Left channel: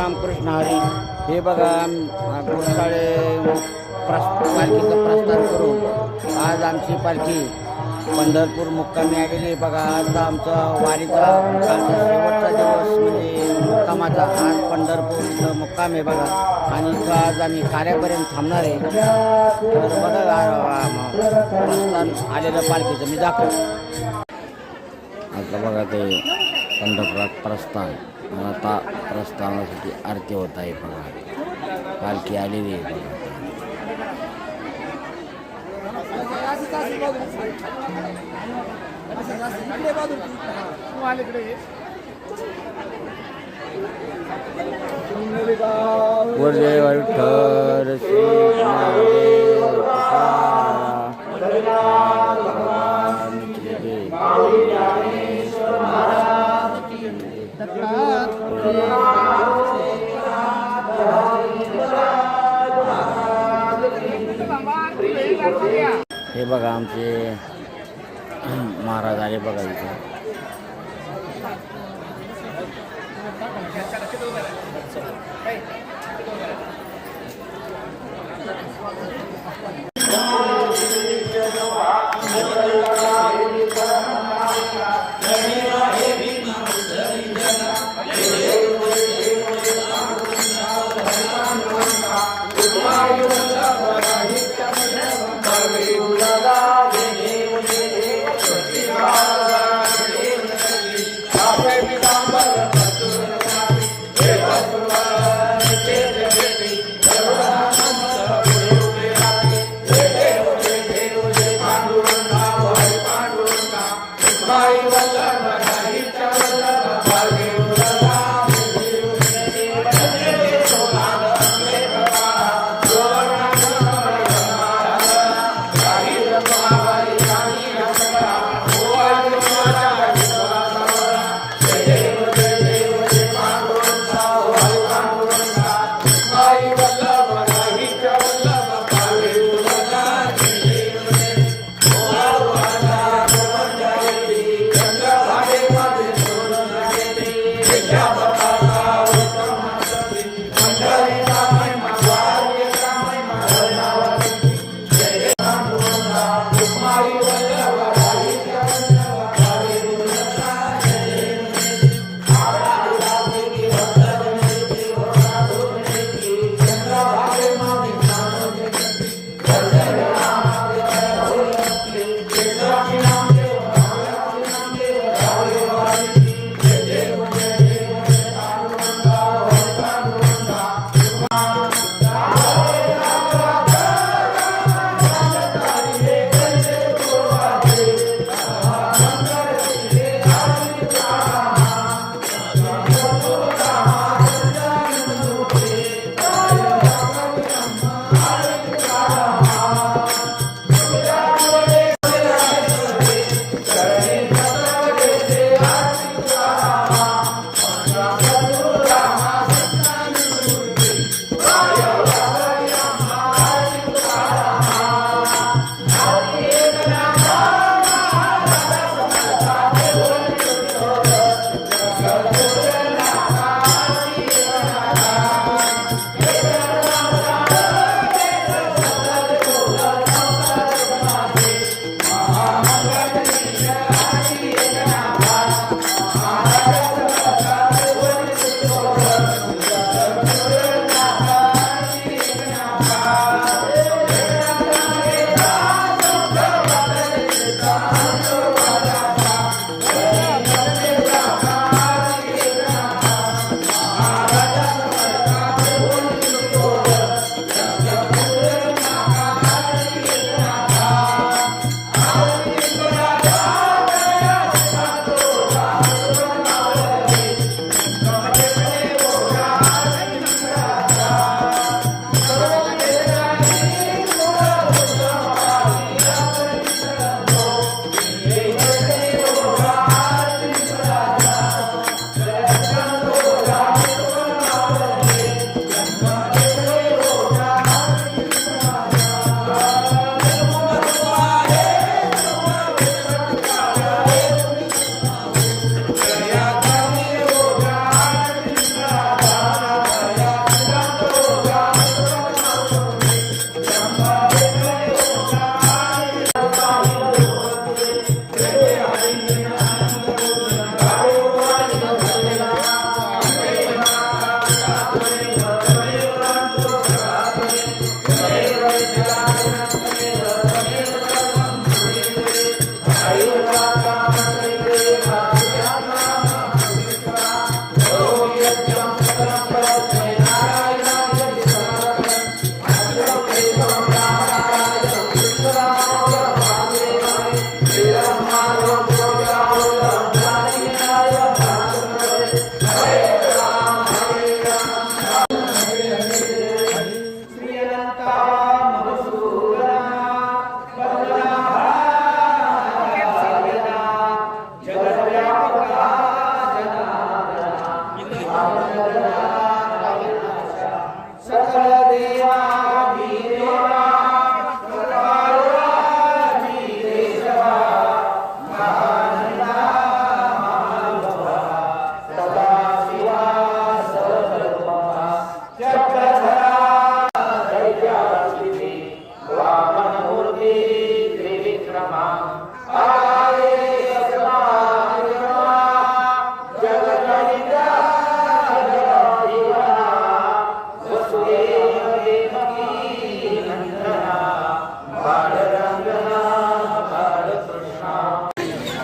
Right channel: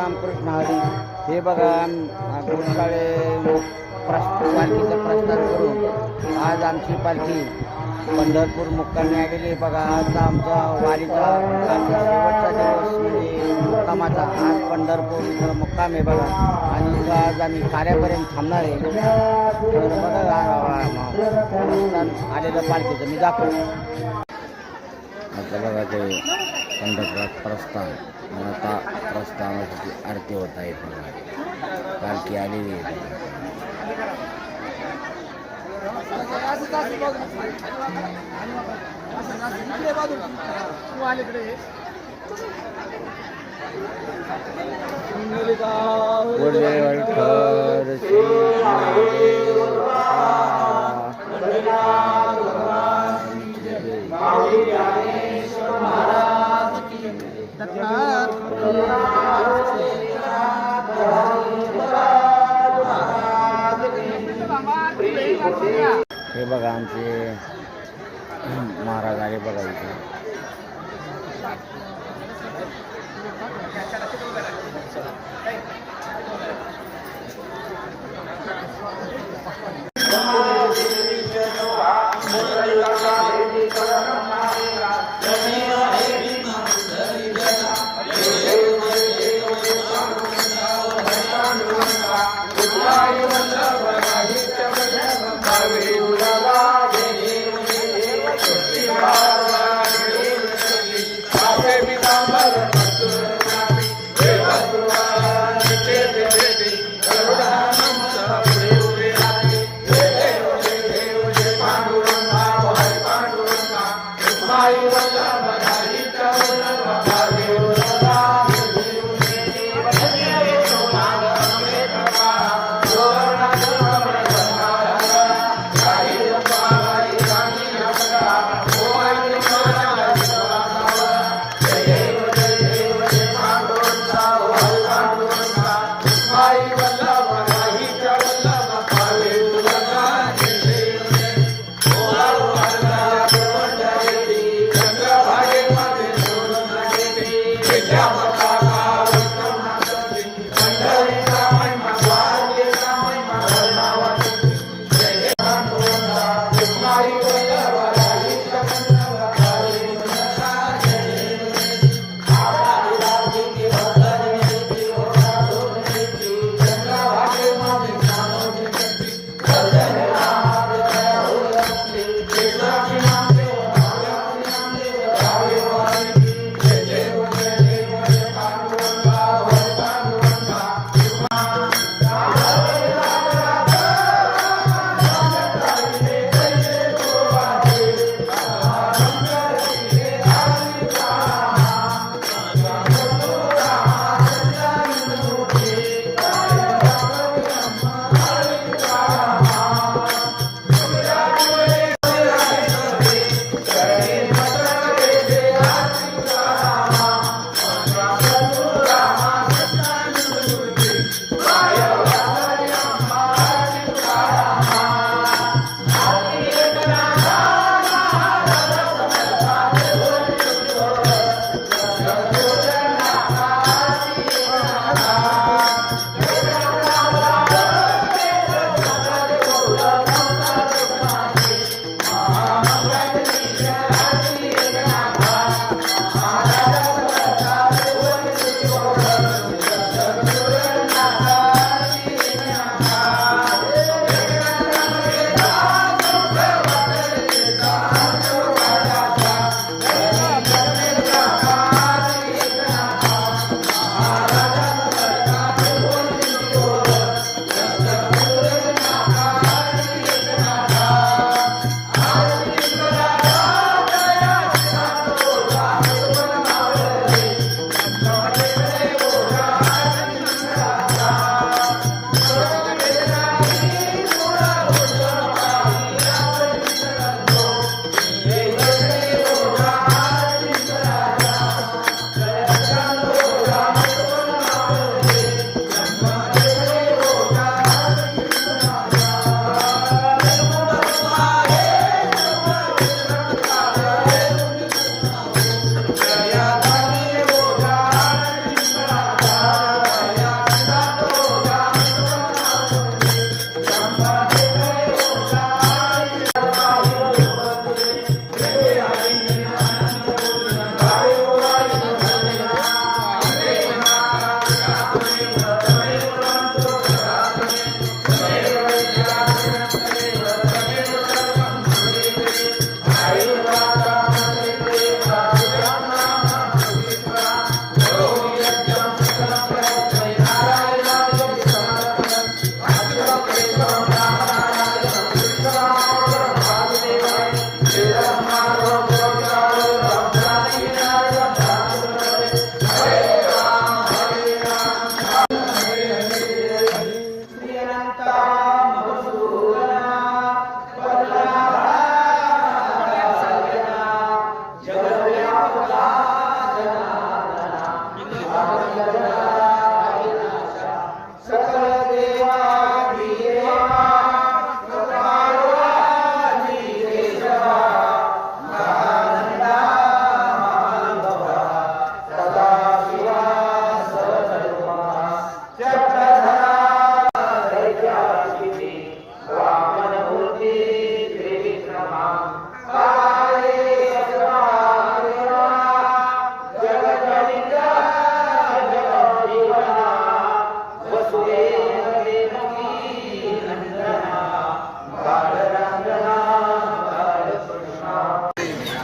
रामकृष्ण हरी. हे बघा गोशाळे प्रस पालखीचं प्रस्थान करून आज आमची पालखी पंढरपूर मुक्कामी आलेली आहे. बघा आज आमचा वारीचा आमचा शेवटचा दिवस म्हणजे मुक्कामाचा. आज पंढरपूर इथं मुक्काम आहे बघा. आणि इथं आज आम्ही कार्यापर्यंत थांबणार आहे. तर बघा प्रस्थान आलेलं पालखीचं. मी दाखवतो. आता बघा ते पंढरपुरात प्रस्थान. आणि आता प्रस्थानासाठी आरती होत आहे बघा. पालखी आलेली आहे बघा. हे बघा आमचे महाराज आले बघा इथे. Thank you.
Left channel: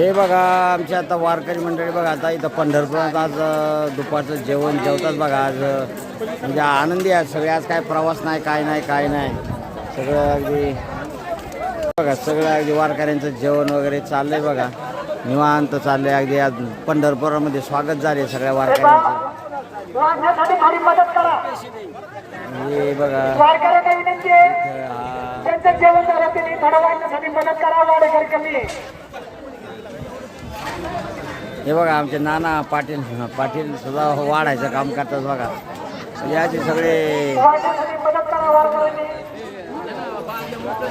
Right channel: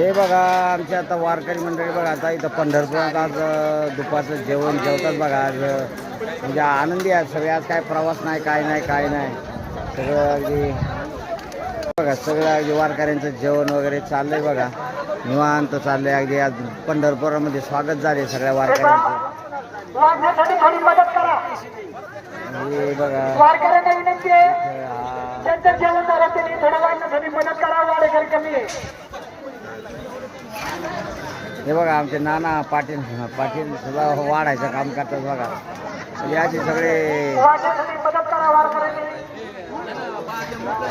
हे बघा आमच्या आता वारकरी मंडळी बघा आता इथं पंढरपुरात आज दुपारचं जेवण जेवतात बघा आज. म्हणजे आनंदी आहे सगळे. आज काय प्रवास नाही काय नाही काय नाही. सगळं अगदी बघा सगळं अगदी वारकऱ्यांचं जेवण वगैरे चाललंय बघा. निवांत चाललंय. अगदी आज पंढरपुरामध्ये स्वागत झाले सगळ्या वारकऱ्यांचं. वाढण्यासाठी थोडी मदत करा हे बघा वारकऱ्यांना विनंती आहे इथं हा त्यांचं जेवण झालं त्यांनी थोडं वाढण्यासाठी मदत करा वाडेकर कमी आहे हे बघा आमचे नाना पाटील पाटील सुद्धा वाढायचं काम करतात बघा. म्हणजे असे सगळे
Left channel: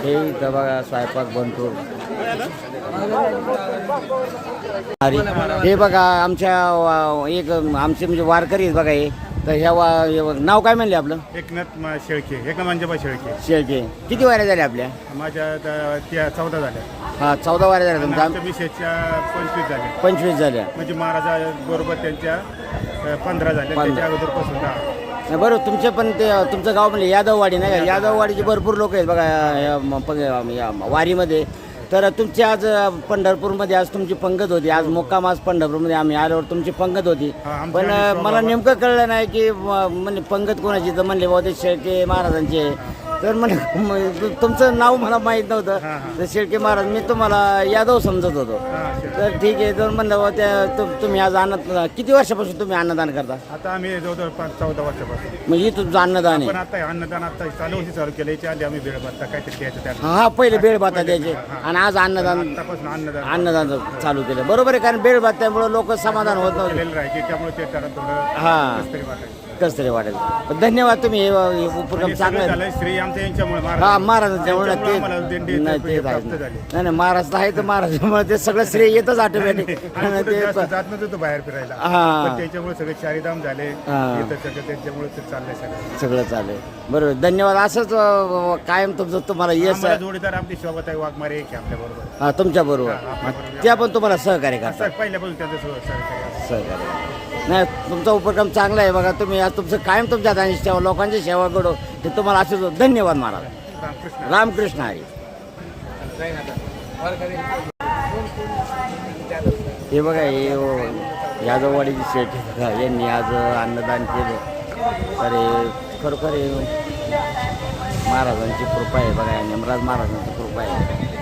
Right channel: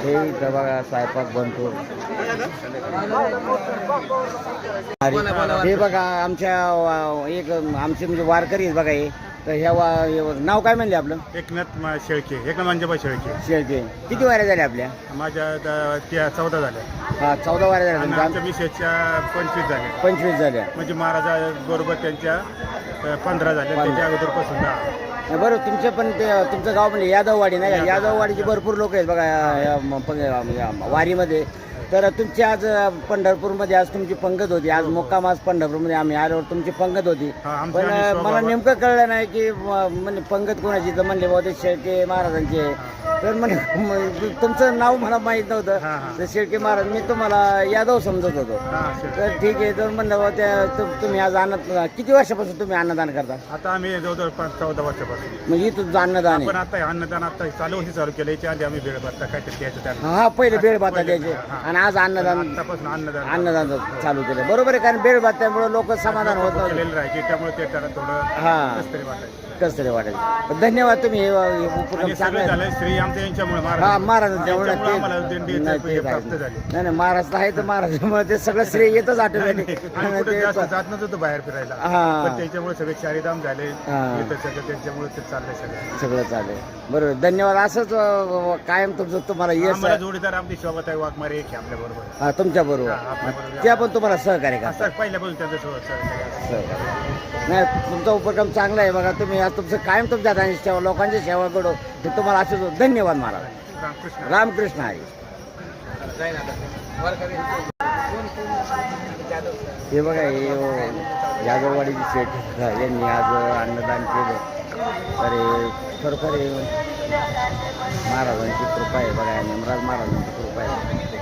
हे इथं बघा स्वयंपाक बनतो. अरे हे बघा आमच्या एक आमचे म्हणजे वारकरी आहेत बघा हे. तर ह्या वा हे नाव काय म्हणले आपलं? एकनाथ शेळके एकनाथ मंजबा शेळके. शेळके. किती वाऱ्या झाल्या आपल्या? माझ्या त्या चौदा झाल्या. हा चौदा वाऱ्या झाल्या आणि तुमच्या. आमच्या मिसेसच्या पंचवीस झाल्या. पंचवीस झाल्या. म्हणजे महाराजा बरोबर त्यांच्या अ, पंधरा झाल्या. त्याच्या अगोदरपासून दहा. नाही, बरं तुमचे पण ते तुमचं गाव म्हणजे यादववाडी नाही का? यादववाडीचे भरपूर लोक आहेत बघा या- या म- पंग- या वारीमध्ये. तर तुमची आज पंढरपूरमध्ये आज तुमची पंगत होती. आज मुक्काम आज पंढरपूरमध्ये. आम्ही आल्यावर तुमची पंगत होती. हा, पण आणि मला नेमकं कळलं नाही की म- म्हणजे पंगत कोणाची? तर म्हणले बाबा ते शेळके महाराजांचे. तर म्हणे तुमचं नाव मला माहीत नव्हतं. तर शेळके महाराज मी तुम्हाला यादव समजत होतो. तर ठीक आहे तर म्हणलं त्या तुम्ही आज अन्न किती वर्षापासून तुम्ही अन्नदान करता? आता आम्ही जवळजवळ पाच चौदा वर्षापासून. म्हणजे इथं अन्नदान पण आता अन्नदान आता चालू वर्षी चालू केलं याच्या आधी आम्ही वेळ बघता काहीतरी द्यायचं हा पहिले बेळ भाता द्यायचे. आणि आज अन्नदान अन्नदान अन्नदान चालू केलं. बरोबर आहे कारण बेळ भात त्यामुळे लोक समाधान होत त्यामुळे ते त्याला थोडं हा. कसं तरी वाटेल. पण धन्यवाद तुम्ही हे हे उपक्रम आणि चांगले सगळं. झालं श्री आमच्या यांच्यामुळे हा महाराज त्यांच्यामुळे आम्हाला ते दिंडी नाही ते प्राप्त आहे. झाली. नाही नाही महाराज आहे तर महाराजांमुळे ते सगळं श्रेय येतच ऑटोमॅटिक आणि कुठे जास्त जात नव्हतो बाहेर फिरायला. हा. पण त्याच्यामुळे सगळे चारिधाम झाले. हा. येतं सगळं त्याच्यामुळे ते चाललंय सगळं. सगळं चालेल बरोबर. धन्यवाद. असंच अं, कायम तुमचं तुम्हाला यश आम्हाला जोडीदार आमची शोभाताई वाघमारे एक आहे आपल्या बरोबर. हा तुमच्या बरोबर. त्या पण तुम्हाला सहकार्य करतात. असं पहिल्यापासून त्यांचं सोबत सगळं सहकार्य नाही तुमचा उपक्रम चांगला आहे बघा. तुम्ही आज तुमचं कायम तुमच्या हाताने सेवा लोकांची सेवा घडो ते तुम्हाला असंच धन्यवाद महाराज. रामकृष्ण. रामकृष्ण हरी हे बघा हे ओ- यादववाडीची शेठ बघा. यांनी आज अन्नदान केलं. हे खरोखर हे महाराजांची कृपा आहे बघा. यमराज महाराजांची कृपा आहे.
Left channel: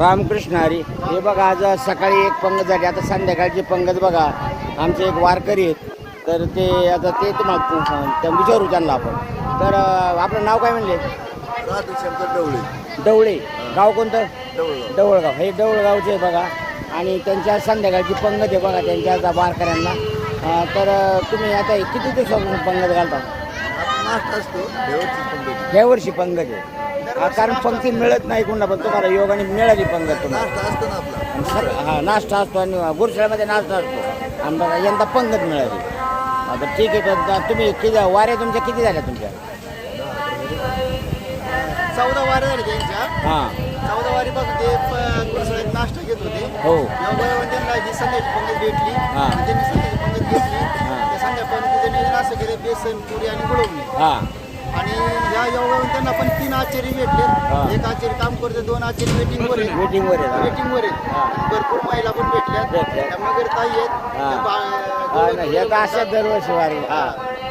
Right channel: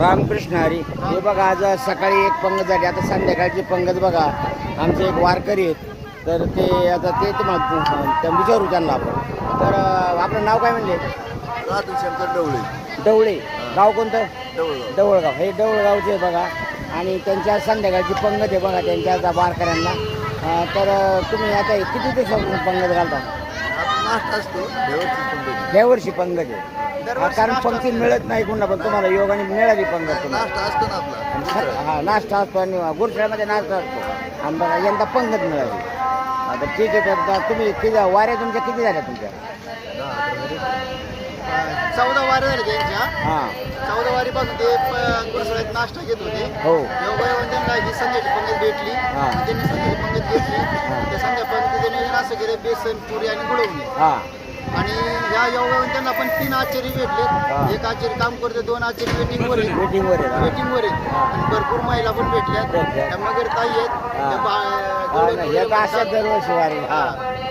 रामकृष्ण हरी. हे बघा आज सकाळी एक पंगत झाली. आता संध्याकाळची पंगत बघा. आमचे एक वारकरी आहेत. तर ते आता ते तुम्हाला विचारू त्यांना आपण. तर आपलं नाव काय म्हणले? शंकर डवळे. डवळे. गाव कोणतं? डवळगाव. डवळगाव. हे डवळगावचे आहे बघा. आणि त्यांच्या संध्याकाळची पंगत आहे बघा त्यांच्या वारकऱ्यांना. तर तुम्ही आता किती दिवसापासून पंगत घालता? असतो देवाची पंगती. या वर्षी पंगत. आहे हा, कारण पंक्ती मिळत नाही कोणाला पण तुम्हाला योगाने मिळाली पंगत तुम्हाला. नाश्ता असतो ना आपला. आणि सग- हा नाश्ता असतो आणि गुरुशाळेमध्ये नाश्ता असतो. आणि बघा यंदा पंगत मिळाली. बरं ठीक आहे तर आता तुम्ही किती वाऱ्या तुमच्या किती झाल्या तुमच्या? दहा अकरा झाले. चौदा वारे झाले त्यांच्या. हां. चौदा वारीपासून ते गुरुशाळेत नाश्ता घेत होते हो योगायोगाने त्यांना ही संध्याची पंगत भेटली हा. त्यांनी संध्याची पंगत घेतली हा. त्या संध्या पंगतीचं नियोजन असं केलं बेसन पुरी आणि गुळवणी हां आणि ह्या योगायोगाने त्यांना पण तीन आचार्य हा. भेटले एक आचार्य काम करते दोन आचार्य वेटिंग वर आहेत वेटिंगवर आहे हा. वेटिंग वर आहेत हा. आणि भरपूर महिला पण भेटल्यात भेटल्यात. त्या मगर ताई आहेत हा. त्या बा- हा ना, हे तर अशा दरवर्षी वारी हा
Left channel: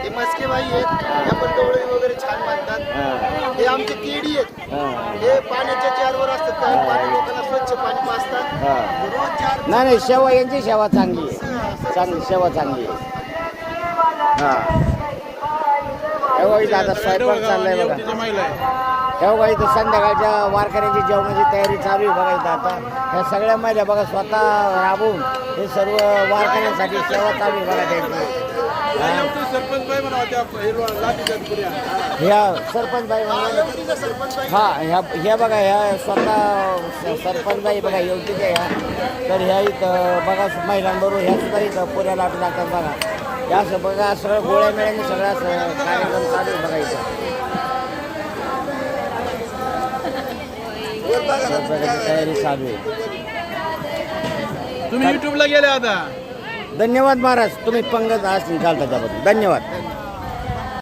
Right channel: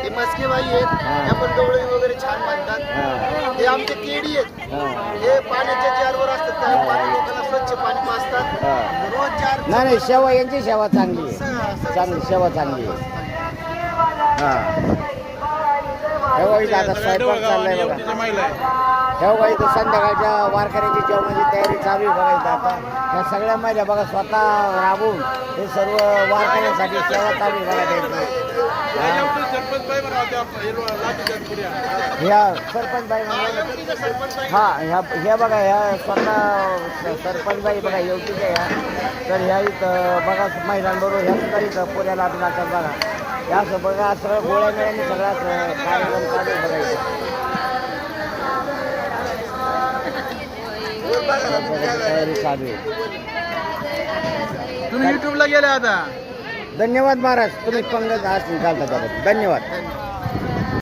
ते मस्के बाई आहेत. हा. त्या पण डोळे वगैरे छान बांधतात. हा. आमचे केडी आहेत. हा. पाण्याच्या चारवर असतात. काही. पाणी देताना स्वच्छ पाणी पाजतात. हा. रोज चार नाही नाही सेवा यांची सेवा चांगली आहे. चांगली सेवा चांगली आहे. हा. स्वयंपाक चाललाय बघा. संध्याकाळच्या वारकऱ्याची जेवणाची तयारी चालू आहे बघा इथं आता. ह्या सगळ्या महिला बघा स्वतः राबून हे सर्व वारकऱ्यांसाठी सेवा चालू आहे बघा त्यांची. ह्या सरपंच बाई म्हणजे हा ह्या ह्या बघा ह्या स्वतः स- सरपंच बाई बघा योग्य ह्या. तर ह्या इथं बघा महिलांबरोबर ह्या सुद्धा इथं पुऱ्या लाटू लागतात बघा. या असं बघा सगळं गोळ्या मेळ्यांनी सगळा असं कार्यक्रम चालू बघा इथं. तयारी चालू आहे. तुम्ही युट्यूबला गेले आता. धन्यवाद महाराज. तुम्ही पंगत आज घालता त्याबद्दल धन्यवाद.